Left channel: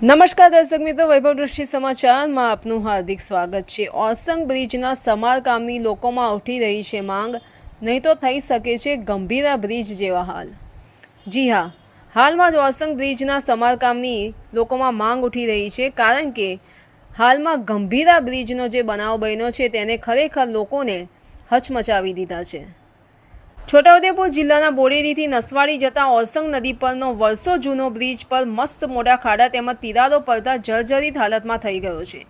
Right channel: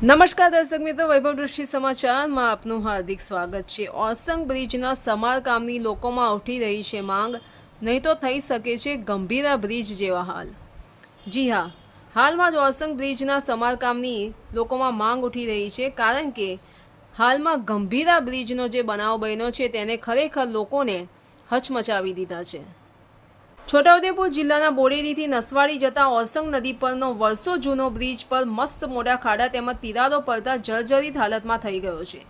નમસ્કાર દર્શક મિત્રો, વૈભવ દૃષ્ટિ સમાચારમાં આપનું હાર્દિક સ્વાગત છે। ઓરસંગ બ્રિજના સમારકામની લોકોમાં ઉઠી રહી છે માંગ, નહીં તો થઈ શકે છે ગંભીરા બ્રિજ જેવા હાલ। જી હા, હાલમાં જ ઓરસંગ બ્રિજના સમારકામની લોકોમાં માંગ ઉઠી રહી છે, કારણ કે હાલમાં ગંભીરા બ્રિજનો જે બનાવ બન્યો છે તેને ખરેખર લોકોને હચમચાવી દીધા છે। છોટાઉદેપુર જિલ્લાના બોડેલીથી નસવાડી જતા ઓરસંગ નદી પરનો વર્ષો જૂનો બ્રિજ પર મસ્ત મોટા ખાડા તેમજ તિરાડો પડતા જર્જરિત હાલતમાં થઈ ગયો છે।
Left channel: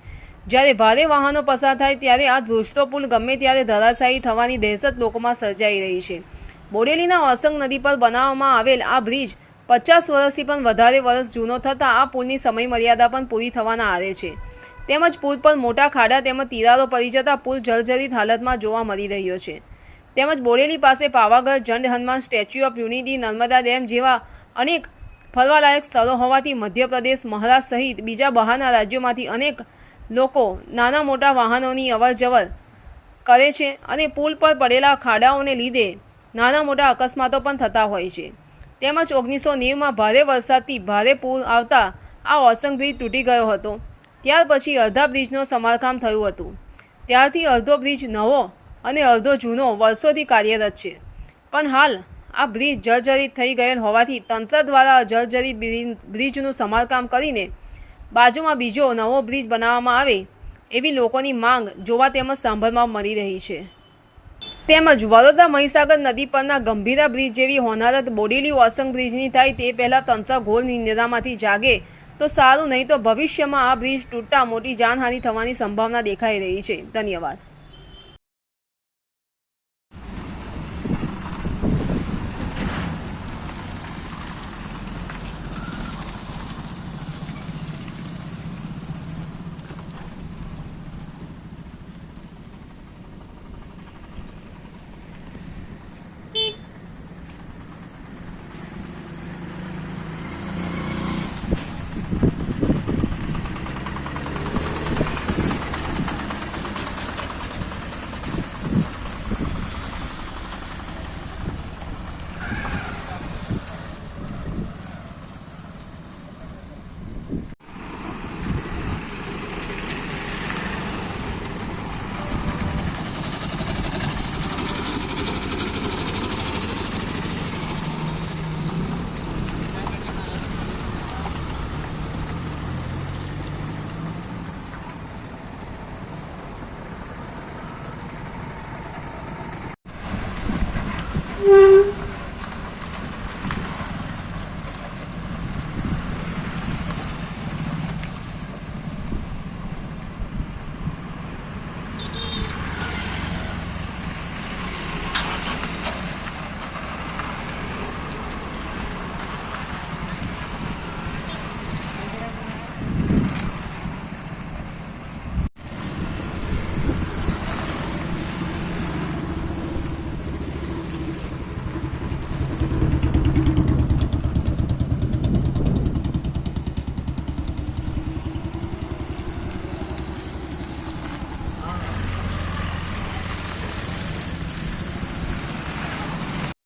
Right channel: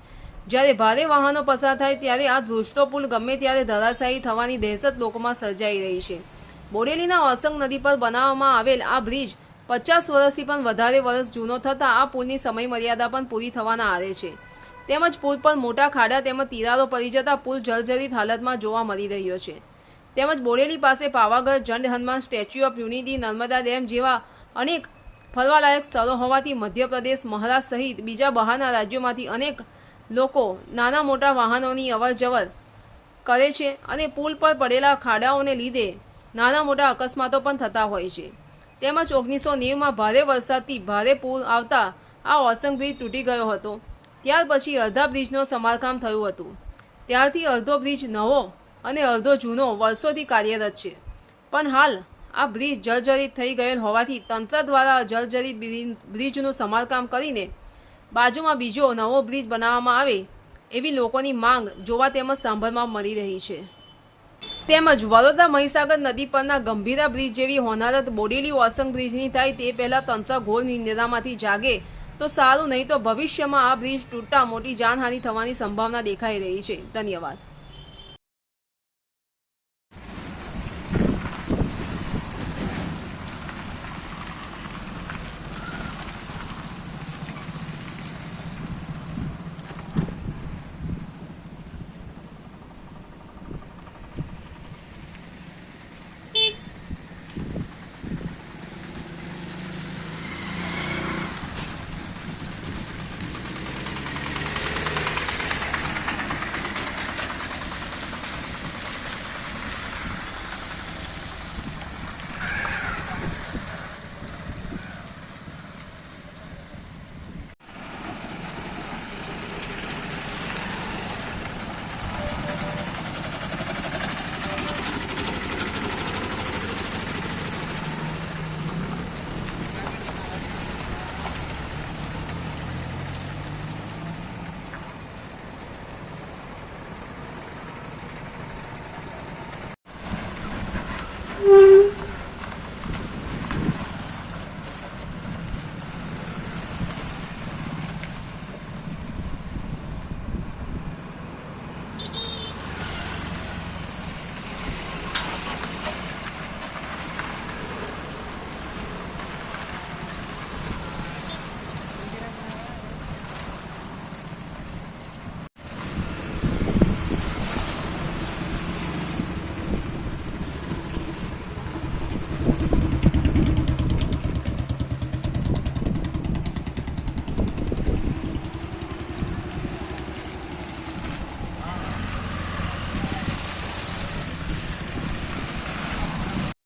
જ્યારે ભારે વાહનો પસાર થાય ત્યારે આ ધ્રુજતો પુલ ગમે ત્યારે ધરાશાયી થવાની દહેશત લોકોમાં સર્જાઈ રહી છે। બોડેલીના ઓરસંગ નદી પર બનાવવામાં આવેલ આ બ્રિજ 50 વર્ષથી પણ વધારે વર્ષ જૂનો થતાં આ પુલની સમયમર્યાદા પણ પૂરી થવાના આરે છે। તેમજ પુલ પર મોટા ખાડા તેમજ તિરાડો પડી જતા પુલ જર્જરિત હાલતમાં જોવા મળી રહ્યો છે। તેમજ બોડેલી પાસે Pavagadh, Jand Hanuman, statue of unity, Narmada dam જેવા અનેક ફરવાલાયક સ્થળો હોવાથી મધ્યપ્રદેશ, મહારાષ્ટ્ર સહિત બીજા બહારના રાજ્યોમાંથી અનેક લોકો નાના મોટા વાહનોની અવરજવર કરે છે અને પુલ પર પડેલા ખાડાઓને લીધે નાના મોટા અકસ્માતો પણ થતા હોય છે। તેમજ 1990માં ભારે વરસાદથી ભારે પૂર આવતા આ ઓરસંગ બ્રિજ તૂટી ગયો હતો। ત્યાર પછી અડધા બ્રિજનું સમારકામ થયું હતું। ત્યારથી અડધો બ્રિજ નવો અને અડધો જૂનો વર્ષોથી કાર્યરત છે, પણ હાલ આ બ્રિજ જર્જરિત થઈ ગયેલ હોવાથી તંત્ર દ્વારા જર્જરિત બ્રિજનું સમારકામ કરીને બાજુમાં બીજો નવો બ્રિજ બનાવવામાં આવે એવી લોકોની માંગ જોવા તેમજ સાંભળવા મળી રહી છે। તેમજ વડોદરા મહીસાગર નદી પરના ગંભીરા બ્રિજ જેવી હોનારત બોડેલી ઓરસંગ બ્રિજની થાય તે પહેલાં તંત્ર ઘોર નિંદ્રામાંથી જાગે તો સારું, નહીં તો ભવિષ્યમાં આ બ્રિજ તૂટતા મોટી જાનહાનિ થવાની સંભાવના દેખાઈ રહી છે। ધન્યવાદ।